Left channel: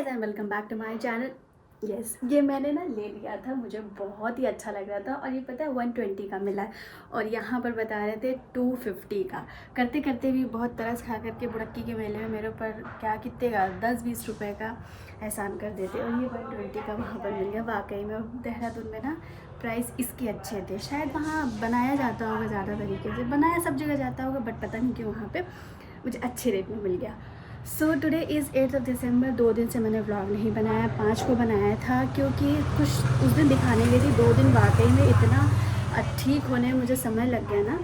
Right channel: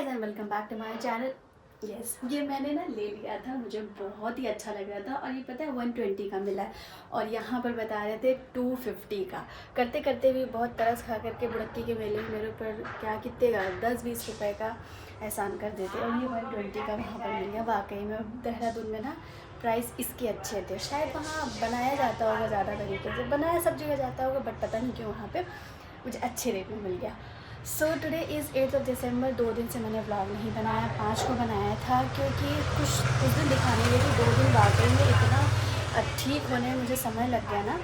Guys and welcome back to my channel. Yes, ये मैंने ना ले लिया था, मुझे बहुत ही अच्छा लग रहा था और ये पता है 120 का मिला है और यहाँ पर बता रहे थे 250 का। करते करते भी बहुत तरस खा करके बुड़क्की के मेले में मेरे ऊपर क्या कितने का 10-20 रुपए का एहसान कर देते और ये 120 का वहाँ पर मिल गया। वाकई में देहरादून में ना प्राइस इसके अच्छे थे, शायद वहाँ बनाया जाता होगा ज़्यादा तरीके से, बनाया सब जगह जाता होगा बट पता नहीं क्यों वहाँ पर मुझे अच्छे रेट में मिल गया। सो टुडे इज़ 8 दिसंबर। 2 दिन से मैंने व्लॉग नहीं बनाया, 5 को बनाया था क्योंकि कुछ उस दिन दिखाने के लिए 2 दिन वाकई में इतना ठीक होने में मुझे समय लग गया ना,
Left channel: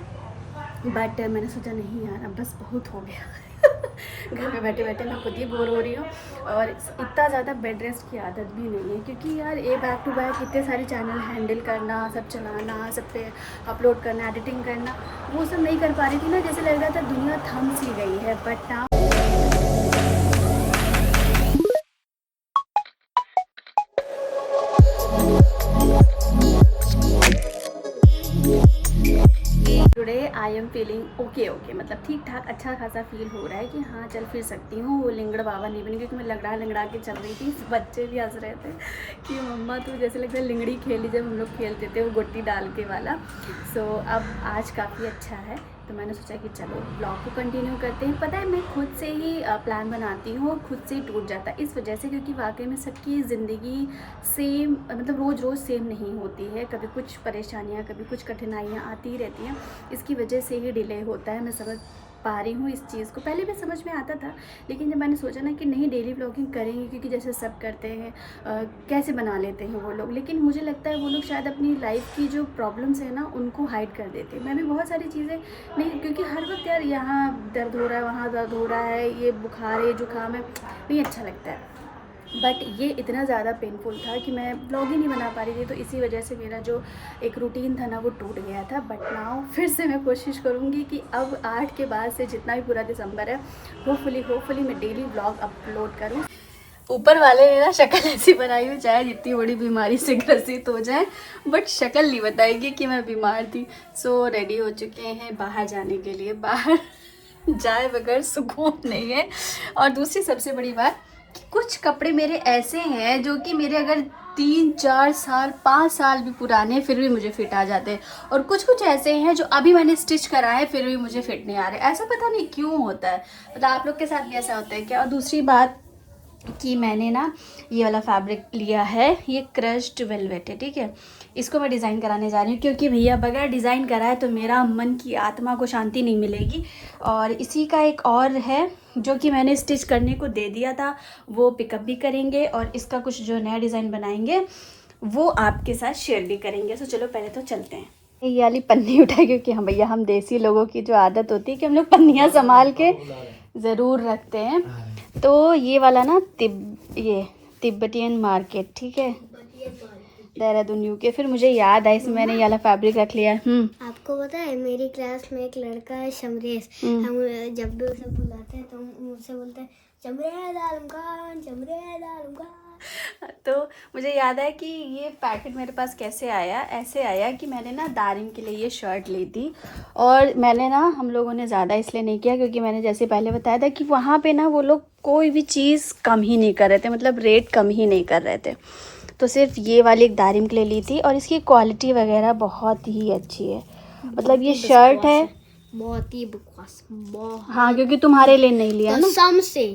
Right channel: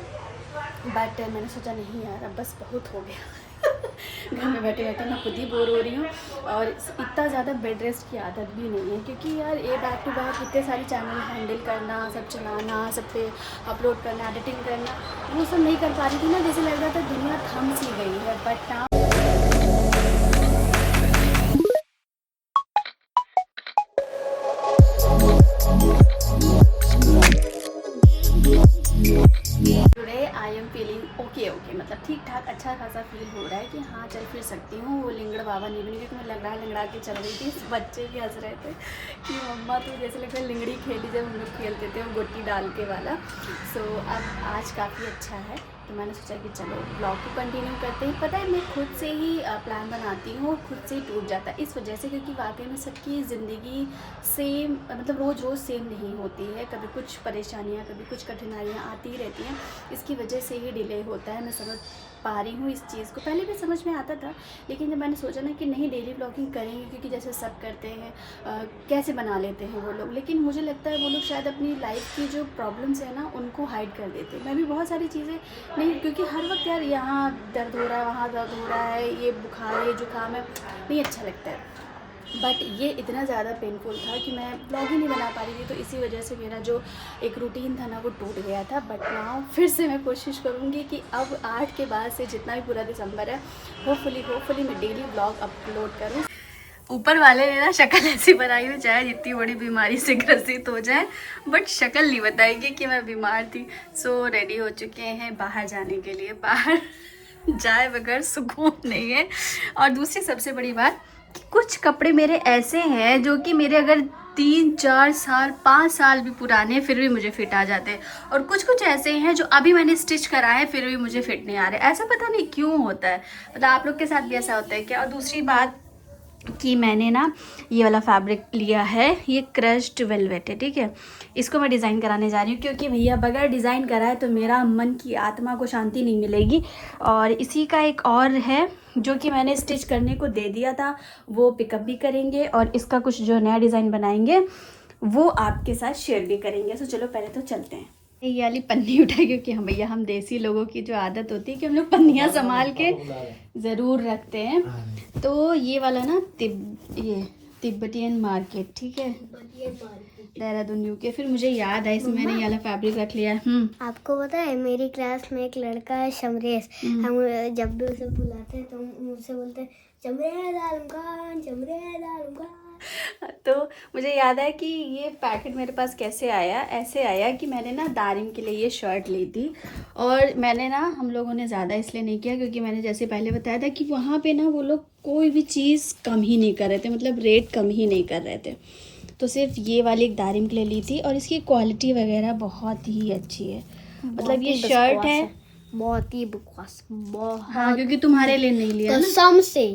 बट मैंने सोचा नहीं यार अब बस बहुत हो गया। घर में बैठे बैठे मैं खुद ही बोर हो रही हूँ और इतना ज़्यादा बेड रेस्ट की आदत भी नहीं है क्योंकि यार ये बैक टू बैक इतने सारे चैनल हैंडल करना, सब चलाना, सब पे अपलोड करना, एडिटिंग करना, वो सब नहीं कर पा रही थी ना। जैसे लग रहा था दुनिया थम सी गई है। But now today I am feeling okay मतलब ठीक ठाक अच्छा खासा फील हो रहा है कि हाँ चल फिर सकती हूँ। वो लिंगड़ बाबा नहीं बनी क्योंकि मैं लंगड़ा के चल रही थी। बच्चे भी हंस रहे थे कि मम्मा तू जैसे लगता है लिंगड़ी खेली जब हम लोग खेलते थे वो गोटी डाल के वाला। सो अब आज काफ़ी अच्छा है तो मैंने सोचा कि चलो ब्लॉग को कंटिन्यू करते हैं। पता है मैं खुद से ही प्लान बनाती हूँ और खुद से ही टूट जाता है इस वजह से क्योंकि वाकई में सबकी ज़िंदगी सेम मतलब रोज़ सेम नहीं होती है। कभी कुछ परेशानियाँ, कभी कुछ कठिनाइयाँ आती ही रहती हैं, इसकी वजह से ही डिले होता है। मैं समझ पा रही हूँ इस चीज़ को, पहले भी समझ में आता था लेकिन जब मैंने सोचा ना कि नहीं डेली ब्लॉगिंग करेंगे क्योंकि जैसे सब करते हैं कैसे बना लेते हैं वो लोग, लेकिन मुझे लगता है वो लोग शायद अपनी लाइफ की जो प्रॉब्लम्स है ना उनको हाइड कर देते हैं। मैं भी बहुत सारी चीज़ें नहीं, क्योंकि हर वक्त यार यहाँ दर्द हो रहा है, वहाँ दर्द हो रहा है, ये बुखार है, जुकाम है, नहीं अच्छा लगता है। बट ये इतना ज़्यादा पेनफुल था कि मैं ब्लॉग ही नहीं बना पा रही थी, तो इसी वजह से मेरा जो एक रूटीन था ना वो टूट गया था। बट नाउ फिर से मैं कोशिश करूँगी कि अब 8 के बाद से जितना भी पूरा दिसंबर है होपफुली मैं डेली ब्लॉग अपलोड करूँ। ऊपर वाले ने ना शक्ल ऐसी बनाई हुई चाहे जितनी बड़ी बीमारी से ग्रसित हो जाए बट शक्ल नहीं बताएगी कि मैं बीमार थी। सो रेडी हो चुके हैं बाहर जाने के लिए। बाहर जाए बगैर सुकून नहीं है। और दूसरी सबसे बड़ी बात, कुछ कपड़े मेरे ऐसे हैं जो कि मेरे अगर 3-4 साल 5 साल भी पुराने फिर भी मुझे फिट आ जाते हैं और कुछ ऐसे हैं जो अभी मैंने स्टिच कराए फिर भी मुझे फिट नहीं आ रहे। ऐसा पता नहीं क्यों होता है, मतलब आप लोग के साथ भी ऐसा होता है क्या? और दूसरी बात कि मैंने ना ये वाला फैब्रिक लिया है, ये क्रश्ड वेलवेट है, ठीक है। इसको मैं डिज़ाइन कराने जा रही हूँ क्योंकि भैया बगैर डिज़ाइन कराए तो मेरा मन की आत्मा को शांति नहीं मिलेगी। और इसी का एक और है जो कि मैंने स्टिच करने को दे दिया था, वो पिकअप भी करेंगे और इसका कुछ जो नया डिज़ाइन बनाएंगे वो आपके साथ शेयर भी करेंगे। तो चलो पहले तो चलते हैं। ये वाली पन्नी उठाए क्योंकि हम भैया हम देसी लोगों की जो आदत होती है कि हम लोग पन्नियाँ संभाल के ज़रूर रखते हैं। तो ये वाला ना तिब्बतियन मार्केट, ठीक है, देहरादून यूके। फिर मुझे याद है इसमें मैंने ये वाला फैब्रिक रख लिया। आपको पता है मेरी क्लास में एक लड़का है शमरेश, हम जब भी उसे बुलाते हैं तो मुझसे बोलते हैं चमरेज आलम खान, चमरेज आलम खान। तो मुझे याद है कि ये पैकेट मेरे पास कैसे आया, ऐसे आया कि मैंने ना दारिम के लिए ये शर्ट ली थी और मैंने ना हम लोगों ने ज़्यादा इसलिए नहीं किया क्योंकि मैंने जैसे पहले बताया था कि वहाँ पे ना वो लोग कोई भी चीज़ कम ही नहीं कर रहे थे, मतलब रेट कम ही नहीं कर रहे थे। तो सिर्फ ये वाली एक दारिम के लिए ली थी और इसकी क्वालिटी वगैरह बहुत ही अच्छी है। मतलब ये शर्ट है बहुत ही बकवास, हाँ क्योंकि तुम्हारे लिए नहीं लिया ना कसम से।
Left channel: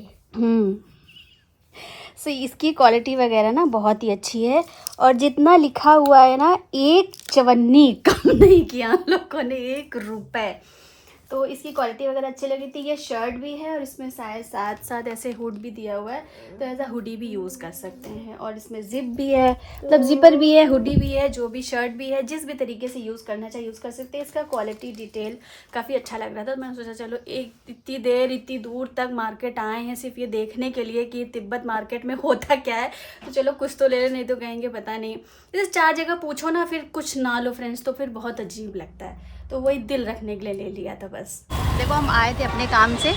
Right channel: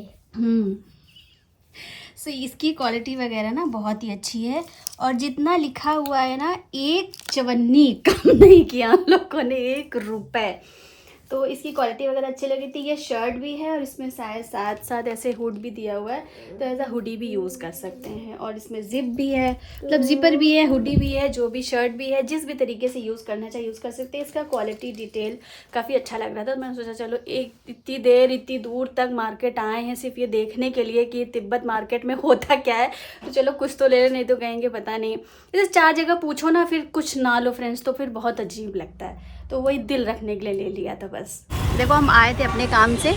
सो इसकी क्वालिटी वगैरह ना बहुत ही अच्छी है और जितना लिखा हुआ है ना एक चवन्नी कम नहीं किया हम लोगों ने, 1 रुपए। तो इसकी क्वालिटी वगैरह अच्छी लगी थी। ये शर्ट भी है और इसमें शायद साथ ऐसे हुड भी दिया हुआ है, तो ऐसा हुडी भी यूज़ कर सकते हैं। और इसमें जिप भी है, मतलब जिपर भी है, हुडी भी है, जो भी शर्ट भी है, जिस भी तरीके से यूज़ करना चाहिए यूज़ कर सकते हैं। इसका क्वालिटी डिटेल काफ़ी अच्छा लग रहा था तो मैंने सोचा चलो इतनी दूर तक मार्केट आए हैं सिर्फ ये देखने के लिए कि तिब्बत मार्केट में होता क्या है, तो चलो कुछ तो ले, नहीं तो कहेंगे पता नहीं। जैसे 4 जगह पूछो ना फिर कुछ ना लो फ्रेंड्स तो फिर बहुत अजीब लगता है, तो वही दिल रखने के लिए ले लिया था बस। देखो हम आए थे अपने काम से,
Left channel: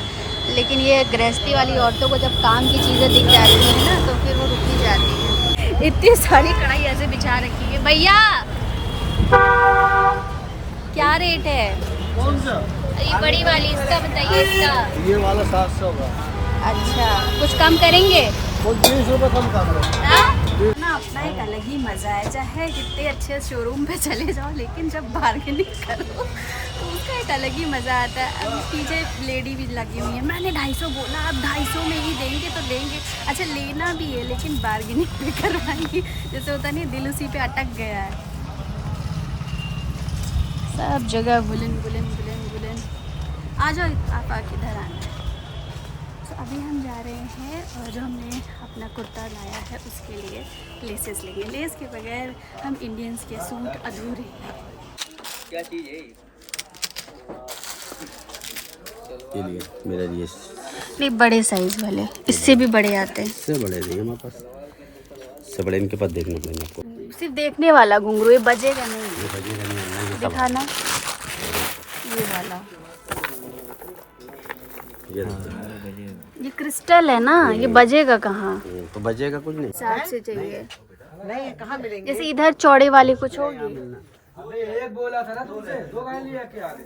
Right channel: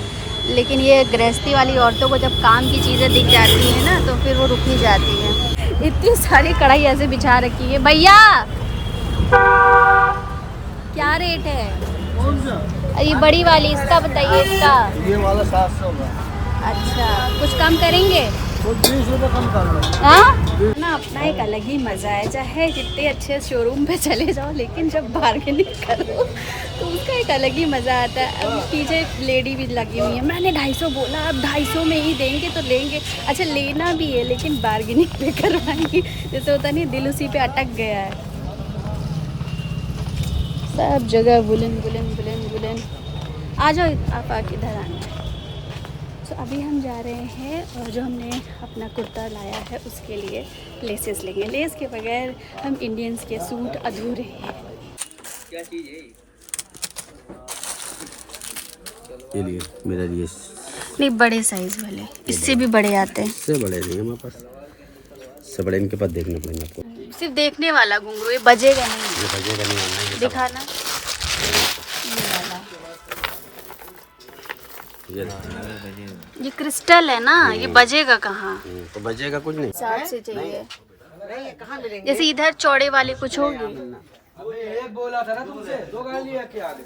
लेकिन ये गृहस्थी वाली औरतों को जब काम की चीज़ें दिख जाती हैं ना तो फिर वो रुक ही जाती हैं। इतनी सारी कढ़ाई ऐसे बिछा रखी है। भैया क्या रेट है? कौन सा? ये बड़ी वाली, इसका बताइए। इसका ये वाला 700 है। अच्छा, कुछ कम करेंगे? हाँ ना, अपना एक अलग ही मज़ा है। चाहे जितने अच्छे शोरूम पे चले जाओ, लेकिन जब बार्गेनिंग करो तो उसका एक अलग ही मज़ा आता है। अब पीछे लेडी भी लगी हुई है, मैंने 250 बोला, अब 250 में ही देंगे तो लेंगे। अच्छा लेना भी है, लेकिन बार्गेनिंग पे करवाएंगी। जैसे होता नहीं, दिल उसी पे अटक गया है। सब जगह बुलन बुलन बुलन बुलन। आ जाओ आप, आके इधर आना है। तो अभी हम जा रहे हैं, और जो हमने अपना कुर्ता लाया है उसके लिए लेसेस लेंगे। लेस के बगैर हम इंडियंस के सूट अधूरे हैं। क्या चीज़ है ये लिए मेरे लिए? नहीं, बड़े साइज वाले, इससे भी बड़े आते हैं। इससे बड़े नहीं हमारे पास, इससे बड़े इनके पास देखना पड़ेगा आपको। सिर्फ देखने वाला घुंघरू, ये बजेगा नहीं। ये बजेगा नहीं, ऑनलाइन दिखाना ये वाला, ये क्रिस्टल है ना, ये बजेगा कहाँ? तो बजेगा कुछ नहीं। साथ से चाहिए, जैसे इधर चौड़े वाले कुछ होगी। एक बोला था ना तुमसे, 2 गाली लेके आ गए।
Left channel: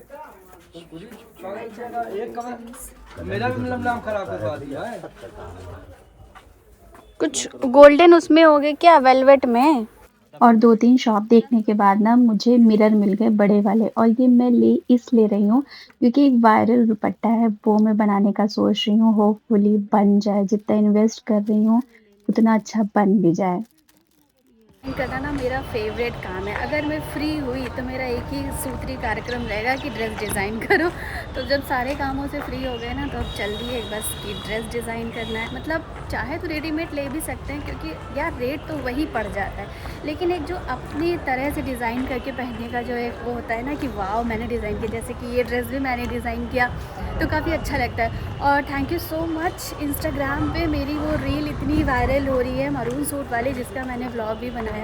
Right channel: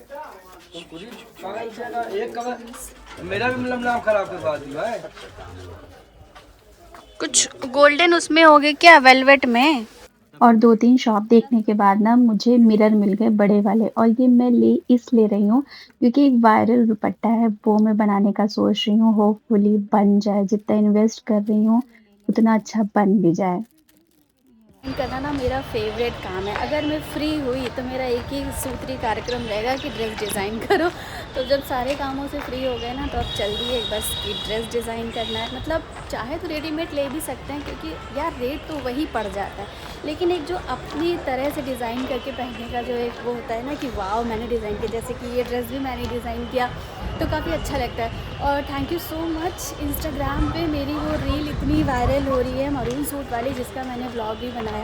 एक कमर मेरा भी मतलब नाम खराब करवा दिया है। कुछ गोल्डन उसमें हो गए क्या, वेलवेट में। और 2-3 शॉप देखने के बाद ना मुझे मिरर मिल गए बड़े वाले, और ये मैं ले रही हूँ क्योंकि एक वायरल दुपट्टा है, वो मैं बनाने का सोच रही हूँ। होपफुली बन जाए, जितना इन्वेस्ट कर रही हूँ उतना अच्छा बन भी जाए। करना ना मेरा फेवरेट काम है। अगर मैं फ्री हुई तो मेरा एक ही सूत्री कार्यक्रम रहेगा कि ड्रेस डिज़ाइन करो। तो जब सारे कामों से फ्री हो गए ना, तो अब चल रही है बस कि ड्रेस डिज़ाइन करना है। मतलब चाहे तो रेडीमेड ले भी सकते हैं, क्योंकि यार रेट तो वही पड़ जाता है, लेकिन एक जो अपनी तरह से डिज़ाइन करके पहनने का जो एक वो होता है ना कि वाह मैंने डिज़ाइन किया, जैसे कि ये ड्रेस भी मैंने डिज़ाइन किया, तो काफ़ी अच्छा लगता है। और thank you so much, Instagram पे मेरी वो रील इतनी वायरल हो रही है मरून सूट वाली, जिसका मैंने व्लॉग भी बनाया।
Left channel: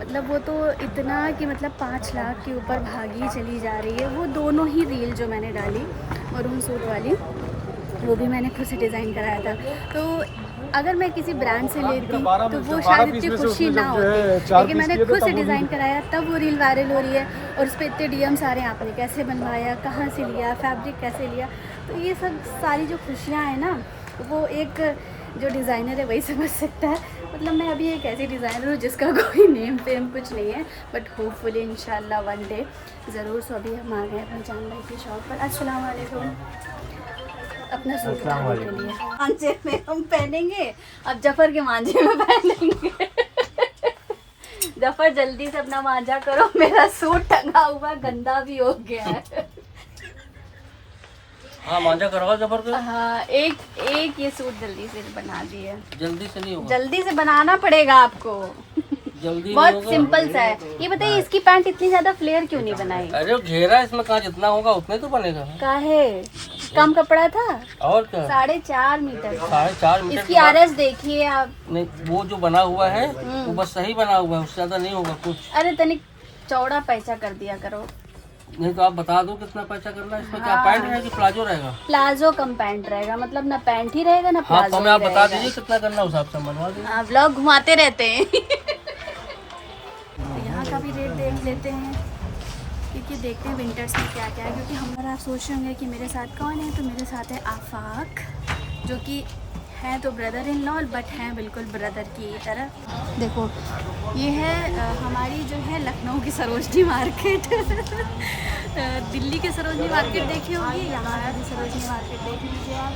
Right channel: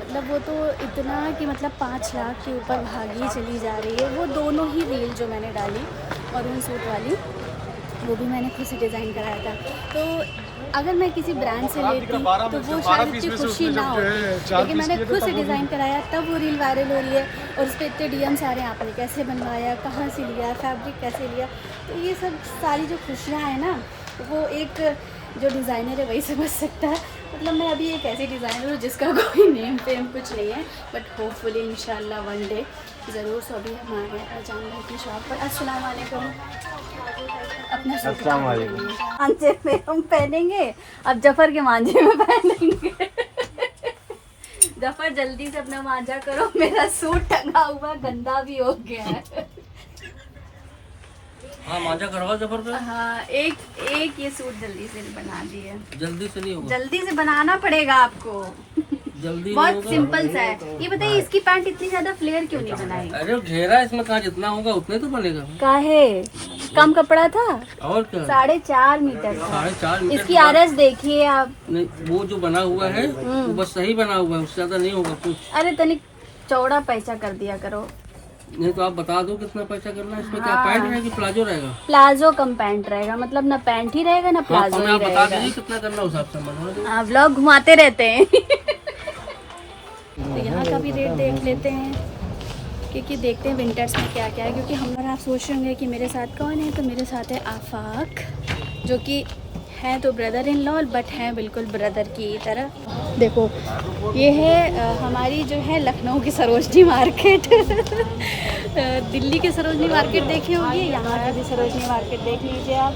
मतलब वो तो इतना कि मतलब 5 लाख के ऊपर भागी चली जा रही है। वो दोनों ही रील जो मैंने डाली मरून सूट वाली, वो भी मैंने खुद से डिज़ाइन कराया था। तो अगर मैं किसी ब्रांड से लेती तो वो शायद इतनी खुशी ना होती, लेकिन मैंने खुद से डिज़ाइन कराया, तब वो रील वायरल हो रही है। और उस पर इतने डीएम्स आ रहे हैं, आपने कैसे बनवाया, कहाँ से लिया, फैब्रिक कैसे लिया। तो ये सब सारी जो खुशियाँ हैं ना, वो एक जो डिज़ाइनर है वही समझ सकता है। मतलब मैं अभी एक ऐसी डिज़ाइनर हूँ जिसका कोई नेम फेम कुछ नहीं है, बट होपफुली इंशाल्लाह वन डे ज़रूर। सो अभी हम आ गए फरजान भाई की शॉप पर। अस्सलाम वालेकुम। अपना सूट उतारने के लिए मांझे में हम पहनेंगे, अब जफर के मांझे में पहनेंगे। जफर जल्दी से अपना मांझा करो, मेरा सूट टंगा हुआ गंदा भी हो गया है। हाँ मांझा करवा जबर कर। हाँ, एक ये सूट जल्दी से बना दिए। जल्दी से नहीं होगा, जल्दी से बनाना पड़ेगा आपको, जल्दी बहुत सिंपल सा है। ये बताइए इसकी पैंट इतनी ज्यादा फ्लेयर क्यों नहीं बनाई? अरे घेरा इसमें कहाँ जितना होगा उतना ही तो बनेगा। काहे कम कपड़ा था? और क्या, 4.5 मीटर। 4.5 मीटर इसकी आरएस देखिए आप। नहीं, वो जो बना हुआ है वो बस सही बना हुआ है, उससे ज्यादा नहीं होगा कुछ। अरे तनिक चौड़ा पैसा कर दिया करो। नहीं तो आप बता दो कितना पैसा करना है इसमें। क्या पैंट रहेगी प्लाजो रहेगा? प्लाजो कम पैंट रहेगा, मतलब ना पैंट ही रहेगा ना हाँ प्लाजो तो मैं आप बता दीजिए कितना करना, उस हिसाब से बनवा दो। हाँ, व्लॉग घुमाते रहते हैं। तो यहाँ का भी रेट देख लेते हैं, क्योंकि देखते हैं विंटर्स में क्या क्या है। क्योंकि हम लोग, आप सोच रहे होंगे कि मेरे साथ कौन है, तो मेरे साथ है आफाक, जो कि हैं तो ब्रदर इन लॉ, बट हैं बिल्कुल ब्रदर की तरह। देखो ये है हमारी जो है लखनऊ की सरोजनी मार्केट। दिल्ली की सरोजनी मार्केट देखी होगी, यहाँ की भी सरोजनी मार्केट देख लीजिए आप।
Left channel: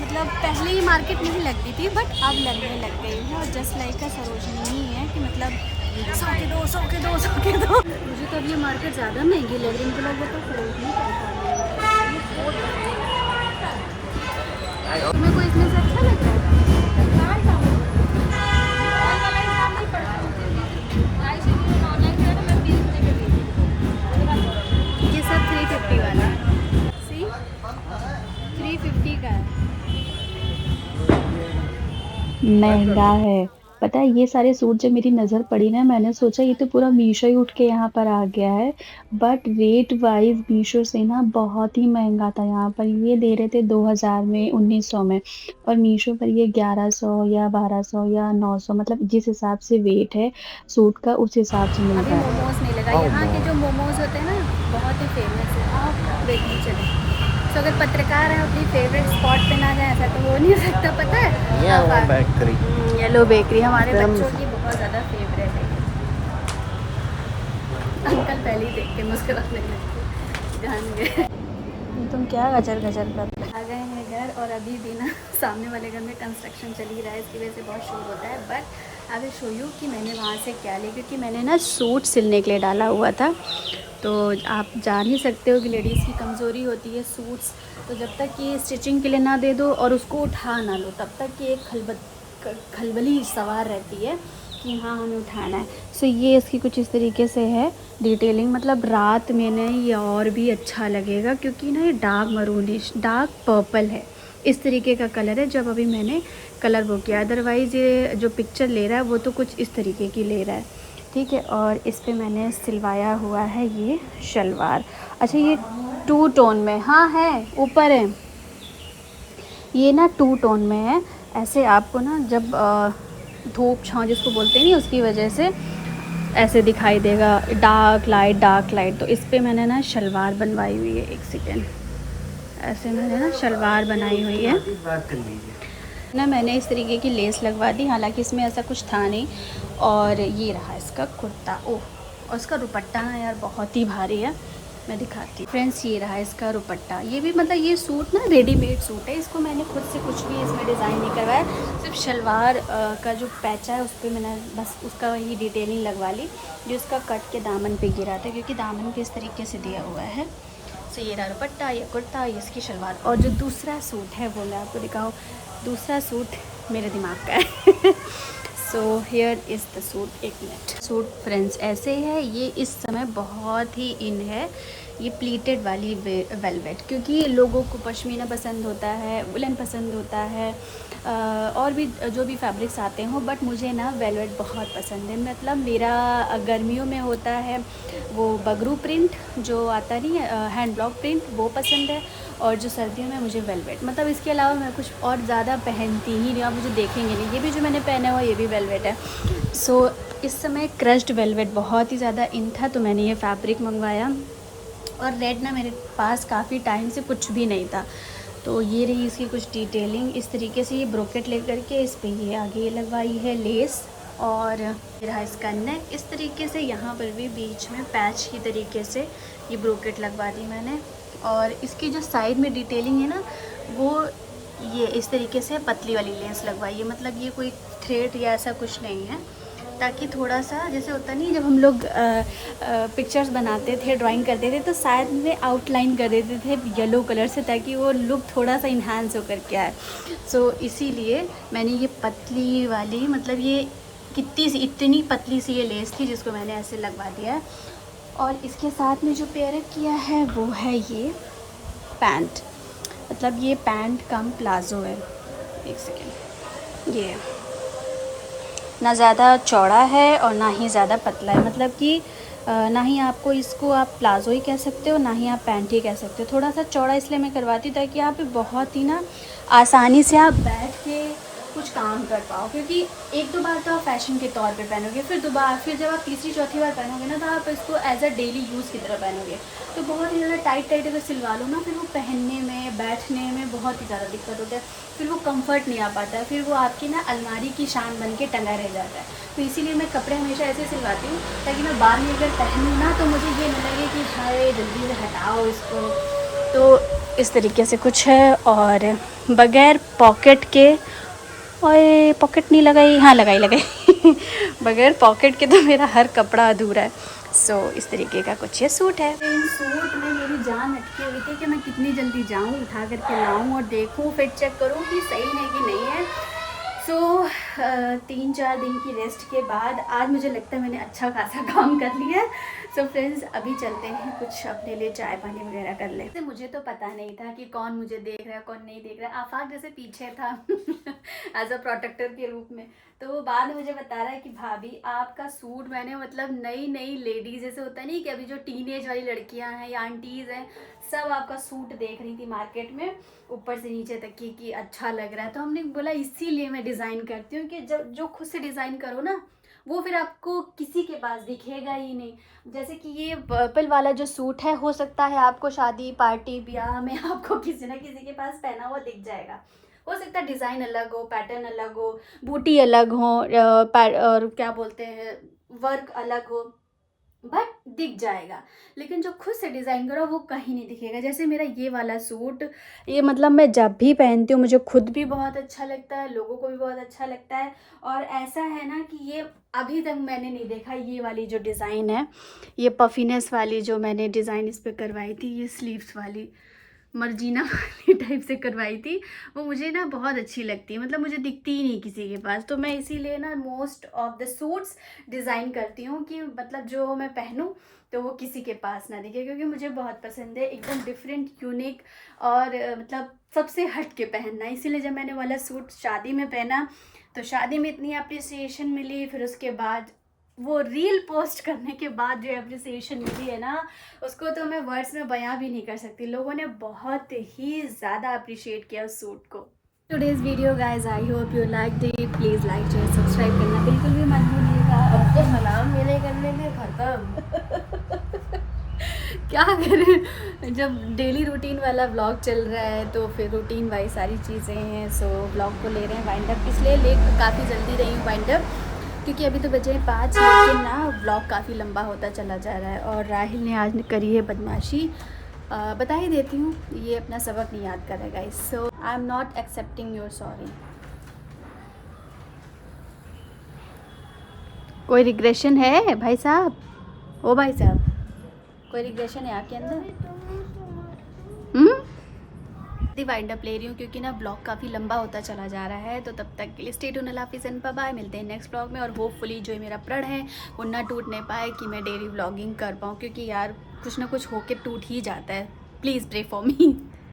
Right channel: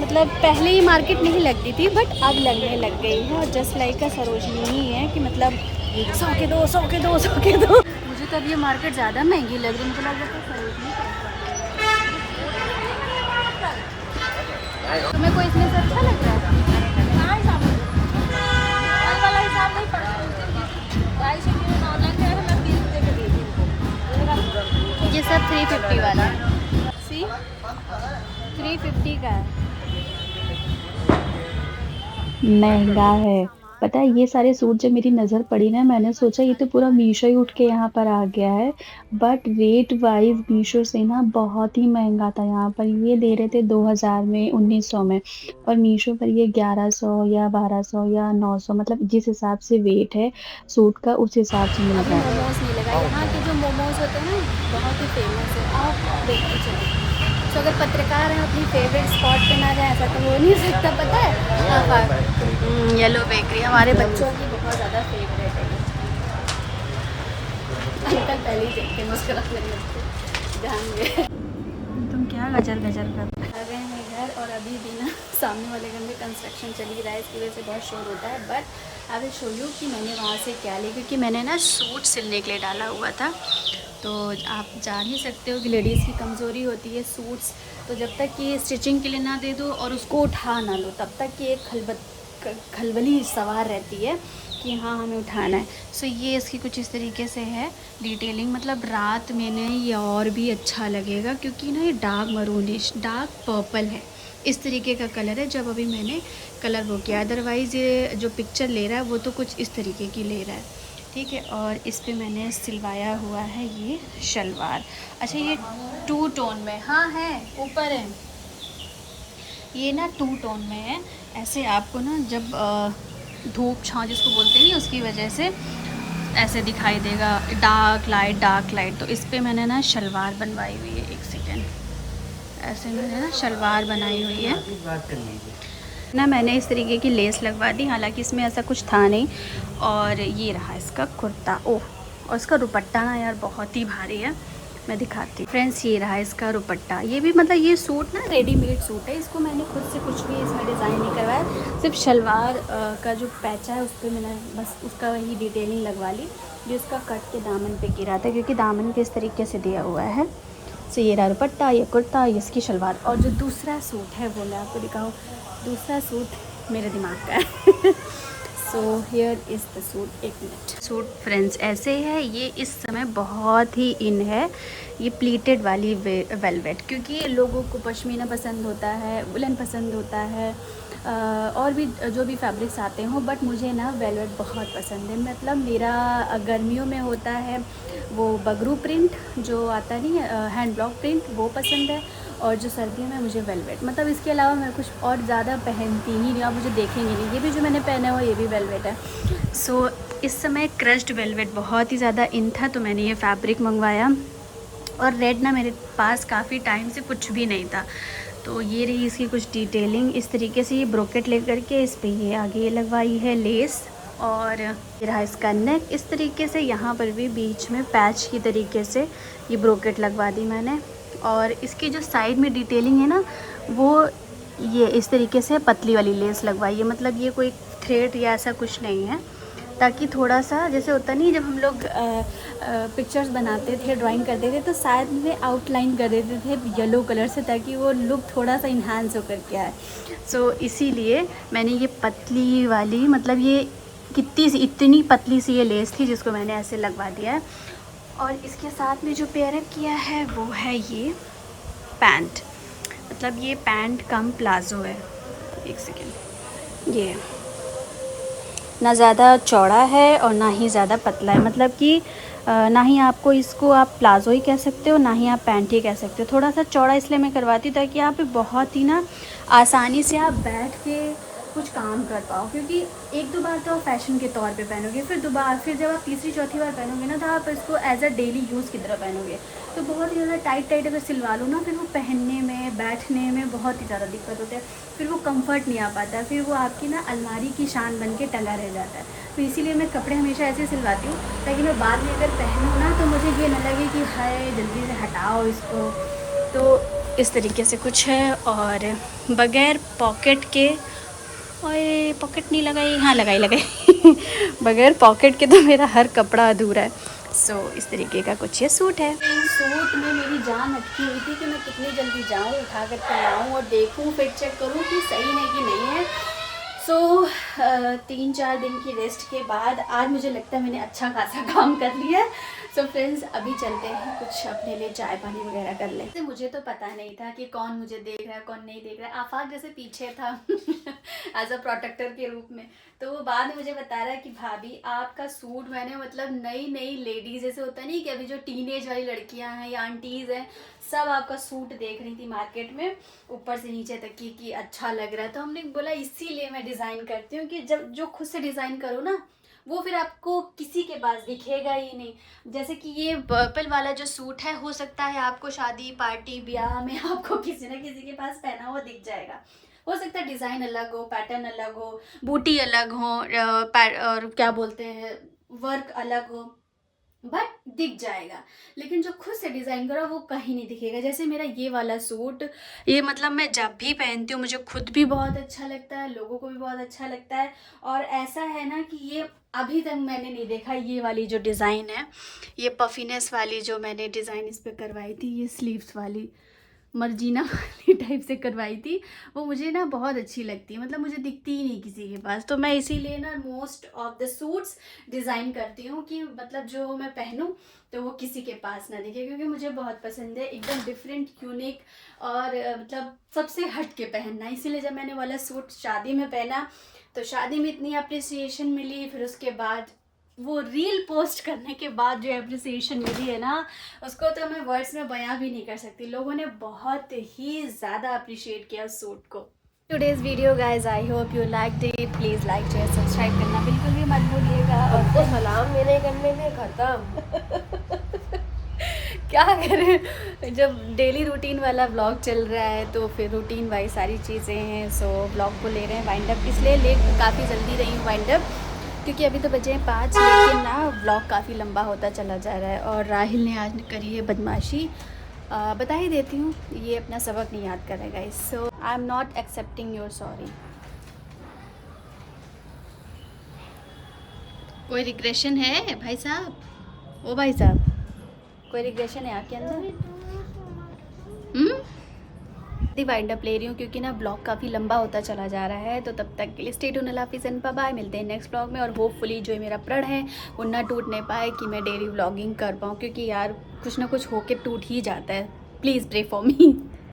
मतलब पहले ये मार्केट नहीं लगती थी, बट अब लगने लग गई है। और जस्ट लाइक का सरोजनी ही है कि मतलब 100 के 2, 100 के 2, 100 के 2। मुझे तो अब ये मार्केट ज़्यादा महंगी लग रही है, मुझे लग रहा है सरोजनी मेरे को इसमें से अच्छा लगता है। ये सब 350 वाला, सी 350 का है। महंगा है, पता है। ये सारे सूट जब मेरी नज़र पड़ी ना, मैंने सोचा ये तो पूरा मीशो ही उठ के यहाँ पर आ गया है, बट रेट वाइज मीशो से ना बहुत ही महंगा था। यहाँ पर ये दे रहे थे 2000 में, 1900 में, और मीशो पर ये 1100 या 1200 या 900, मतलब जिस हिसाब से वेट है सूट का उस हिसाब से मिल रहा है। मोमोज नहीं लगा, यहाँ के जो मोमोज होते हैं ना बहुत ही फेमस है, आप देखिए चले। तो अगर पत्रकार हैं अपनी फेवरेट स्पॉट पे ना जाए ऐसा तो हो नहीं सकता, पता है। येलो बेकरी हमारे बच्चों की बहुत ज़्यादा फेवरेट है ये। अंकल पहले ही देख के मुस्कुराने लगते, जान गए तुम क्या गजर गजर कर। आ गए हैं घर और अभी भी ना सामने वाले घर में कंस्ट्रक्शन चल ही रहा है, इसकी वजह से बहुत शोर होता है। But I will show you कि मैंने वहाँ से क्या लिया, क्योंकि मैंने ना सूट सिलने के लिए डाला हुआ था। तो आप जान ही सकते हो कि लेडीज़ की कमज़ोरी होती है सूट्स, तो जब तक ये स्टिचिंग के लिए ना दे दो और उसको उठा ना लो तब तक ये एक खलबली सवार रहती है कि हाँ हमें उठाना है। सो ये इसकी कुछ इस तरीके से है डिटेलिंग, मतलब रात में ना ये और भी अच्छा लगेगा, क्योंकि ना ये डार्क मरूनिश डार्क पर्पल है, इस तरीके का कलर है जब अभी मैंने कलर वो किया। अदरवाइज़ ये जो पिक्चर ले रहा है वो तो कुछ इस तरीके की ले रहा है, ठीक है। और इस पे मैंने सिलवाया हुआ है ये शलवार। अच्छा ये 2 टोन में, हाँ है ऊपर है, ये ना 2 टोन में है। ऐसे आपको ना जब धूप छाँव जिसको बोलते हैं नहीं, उसकी वजह से ऐसे दिखाई देगा डार्क लाइट। तो इस पे मैंने ना शलवार बनवाई हुई है, एक सेकेंड, ऐसे मैंने ना शलवार बनाई हुई है ना। मैंने इस तरीके की लेस लगवा दी, हालांकि इसमें ऐसा कुछ था नहीं। और ये रहा इसका कुर्ता, ओह और इसका दुपट्टा ना यार बहुत ही भारी है, मैं दिखाती हूँ फ्रेंड्स। ये रहा इसका दुपट्टा, ये भी मतलब ये सूट ना रेडीमेड सूट है, इसको मैंने खुद से कुछ भी इसमें डिज़ाइन नहीं करवाया। सिर्फ शलवार का जो पैचा है उस पर मैंने बस उसका वही डिटेलिंग लगवा ली जो उसका कट के दामन पे गिरा था, क्योंकि दामन पे इस तरीके से दिया हुआ है। तो ये रहा दुपट्टा, ये कुर्ता, ये इसकी शलवार। और जो दूसरा सूट है वो मैं आपको दिखाऊँ, दूसरा सूट मेरे दिमाग का है so here is the suit. एक मिनट, सूट फ्रेंड्स ऐसे है, ये इस समय बहुत ही इन है, ये प्लीटेड वाली वेलवेट, क्योंकि लोगों को पश्मीना पसंद होता है, वुलन पसंद होता है, और भी जो भी फैब्रिक्स आते हों, बट मुझे ना वेलवेट बहुत पसंद है। मतलब मेरा गर्मियों में होता है वो बगरू प्रिंट जो आता नहीं है, हैंड ब्लॉक प्रिंट, वो पसंद है। और जो सर्दियों में मुझे वेलवेट, मतलब इसके अलावा मैं कुछ और ज़्यादा पहनती ही नहीं, आप मुझे देखेंगे नहीं। ये भी जो मैंने पहना हुआ ये भी वेलवेट है। सो इस समय क्रश्ड वेलवेट बहुत ही ज़्यादा इन था, तो मैंने ये फैब्रिक मंगवाया। और रेड ना मेरे पास काफ़ी टाइम से कुछ भी नहीं था, तो ये रही इसकी कुछ डिटेलिंग। इस तरीके से ये ब्रोकेट लेकर के इस पर ये आगे ये लगवाई है लेस। और ये रहा इसका नेक, इस तरीके से यहाँ पर भी बीच में पैच की तरीके से ये ब्रोकेट लगवा दी मैंने। और इसकी जो साइड में डिटेलिंग है ना, वो ये इस तरीके से पतली वाली लेस लगवाई है, मतलब ये कोई थ्रेड या ऐसा कुछ नहीं है, ताकि थोड़ा सा जैसे होता नहीं, जब हम लोग पिक्चर्स बनाते थे, ड्राइंग करते थे, तो शायद में आउटलाइन कर देते थे येलो कलर से, ताकि वो लुक थोड़ा सा इन्हांस होकर के आए। सो इसीलिए मैंने ये पतली वाली, मतलब ये इतनी पतली सी ये लेस थी जिसको मैंने ऐसे लगवा दिया है। और इसके साथ में जो पेयर अप किया है वो है ये पैंट, मतलब ये पैंट कम प्लाज़ो है। एक सेकेंड, ये ना ज़्यादा चौड़ा है और ना ही ज़्यादा पतला है, मतलब कि ना ही आपको इसको आप प्लाज़ो ही कह सकते हो, ना ही आप पैंट ही कह सकते हो। थोड़ा सा चौड़ा इसलिए मैं करवाती हूँ ताकि आप बहुत ही ना आसानी से आप बैठ के कुछ काम कर पाओ, क्योंकि 1-2 बार तो आप फैशन के तौर पे पहनोगे, फिर जब आप तीसरी चौथी बार पहनोगे ना, तो आप इसको एज अ डेली यूज़ की तरह पहनोगे। तो बहुत ही ज़्यादा टाइट अगर सिलवा लो ना, फिर वो पहनने में बैठने में बहुत ही ज़्यादा दिक्कत होता है, फिर वो कंफर्ट नहीं आ पाता है, फिर वो आपकी ना अलमारी की शान बन के टंगा रह जाता है। तो इसीलिए मैं कपड़े हमेशा ऐसे सिलवाती हूँ ताकि मैं बाद में अगर पहनूँ ना तो मुझे ये ना लगे कि हाय जल्दी से हटाओ इसको। तो इस तरीके से कुछ है। और बगैर पॉकेट के, और पॉकेट नहीं लगाई, हाँ लगाई बगैर पॉकेट के तो मेरा हर कपड़ा अधूरा है। सो इस तरीके का कुछ ये सूट है। इन सूट में मेरी जान अटकी हुई थी कि मैं कितनी जल्दी जाऊँ, उठा कर के लाऊँ और देखूँ, फिर चेक करूँ कि सही है कि नहीं है। सो 3-4 दिन की रेस्ट के बाद आज मुझे लगता है मैंने अच्छा खासा काम कर लिया है। सो फ्रेंड्स अभी चलते हैं, कुछ अपने लिए चाय पानी वगैरह कर लें। मुझे तो पता नहीं था कि कौन मुझे देख रहा है कौन नहीं देख रहा है। आफाक जैसे पीछे था एज अ प्रोटेक्टर के रूप में, तो वो बाद में मुझे बता रहा है कि भाभी आपका सूट मैंने, मतलब नई लेडीज़ जैसे होता है नहीं कि अभी जो टीनेज वाली लड़कियां हैं या आंटीज़ हैं, सब आपका सूट देख रही थी मार्केट में ऊपर से नीचे तक कि अच्छा लग रहा है। तो हमने बोला इसीलिए मैं डिज़ाइन करती हूँ कि जब जो खुद से डिज़ाइन करो ना वो फिर आपको किसी के पास दिखेगा ही नहीं। जैसे कि ये पर्पल वाला जो सूट है, हो सकता है आपको शादी पार्टी ब्याह में आपको किसी ना किसी के पास पहना हुआ दिख जाएगा। हो सकता है डिज़ाइन अलग हो, पैटर्न अलग हो, बूटी अलग हो, और क्या बोलते हैं वर्क अलग हो, बट दिख जाएगा। लेकिन जो खुद से डिज़ाइन करो वो कहीं नहीं दिखेगा। जैसे मेरा ये वाला सूट, ये मतलब मैं जब भी पहनती हूँ मुझे खुद भी बहुत अच्छा लगता है, लोगों को भी बहुत अच्छा लगता है। और ऐसा है ना कि ये अभी तक मैंने नहीं देखा, ये वाली जो डिज़ाइन है, ये पफीनेस वाली जो मैंने डिज़ाइन इस पर करवाई थी, ये स्लीव्स वाली मर्जीना वाली टाइप से करवाई थी, वो मुझे ना बहुत अच्छी लगती है। मतलब मुझे दिखती ही नहीं किसी के पास, तो मैं इसीलिए ना most of the suits design करती हूँ कि मतलब जो मैं पहनूँ तो वो किसी के पास ना दिखे, क्योंकि मुझे बहुत पसंद है एकदम डिफरेंट, यूनिक और मतलब सबसे हट के पहनना। इसीलिए जब मैंने वाला सूट शादी में पहना तो शादी में इतनी अप्रिसिएशन मिली, फिर उसके बाद वो रील पोस्ट करने के बाद जो अप्रिसिएशन मिली है ना, उसको तो मैं वर्ड्स में बयां भी नहीं कर सकती। लोगों ने बहुत ही ज़्यादा अप्रिशिएट किया उस सूट को। Today's video guys, I hope you liked it. Please like share subscribe करना बिल्कुल भी मत भूलिएगा। और सलाम मेरे करने के खत्म। क्या करें, जब डेली रूटीन वाला व्लॉग चल रहा है तो फिर रूटीन वाइज सारी चीज़ें हैं। सो व्लॉग को ले रहे हैं वाइंड अप, इसलिए लेट काफ़ी जल्दी रही हूँ वाइंड अप, क्योंकि अभी तो बजे हैं 5, लेकिन ना व्लॉग काफ़ी लंबा होता चला जा रहा है। और राहिल ने आज करी है बदमाशी, बता ही देती हूँ, ये अपना सबक नहीं याद करेगा। So I am not accepting your sorry. कोई रिग्रेशन है भाई साहब? ओ भाई साहब, कोई रिग्रेशन है आपके अंदर? वाइंड अप ले रही हूँ क्योंकि ना ब्लॉग काफ़ी लंबा होता चला जा रहा है। तो तब तक के लिए स्टे ट्यून्ड, अल्लाह हाफिज़ एंड बाय बाय। मिलते हैं नेक्स्ट ब्लॉग में। और होपफुली जो मेरा प्रण है वो ना टूटने पाए, कि मैं डेली व्लॉगिंग कर पाऊँ, क्योंकि यार कुछ ना कुछ होके टूट ही जाता है। Please pray for me.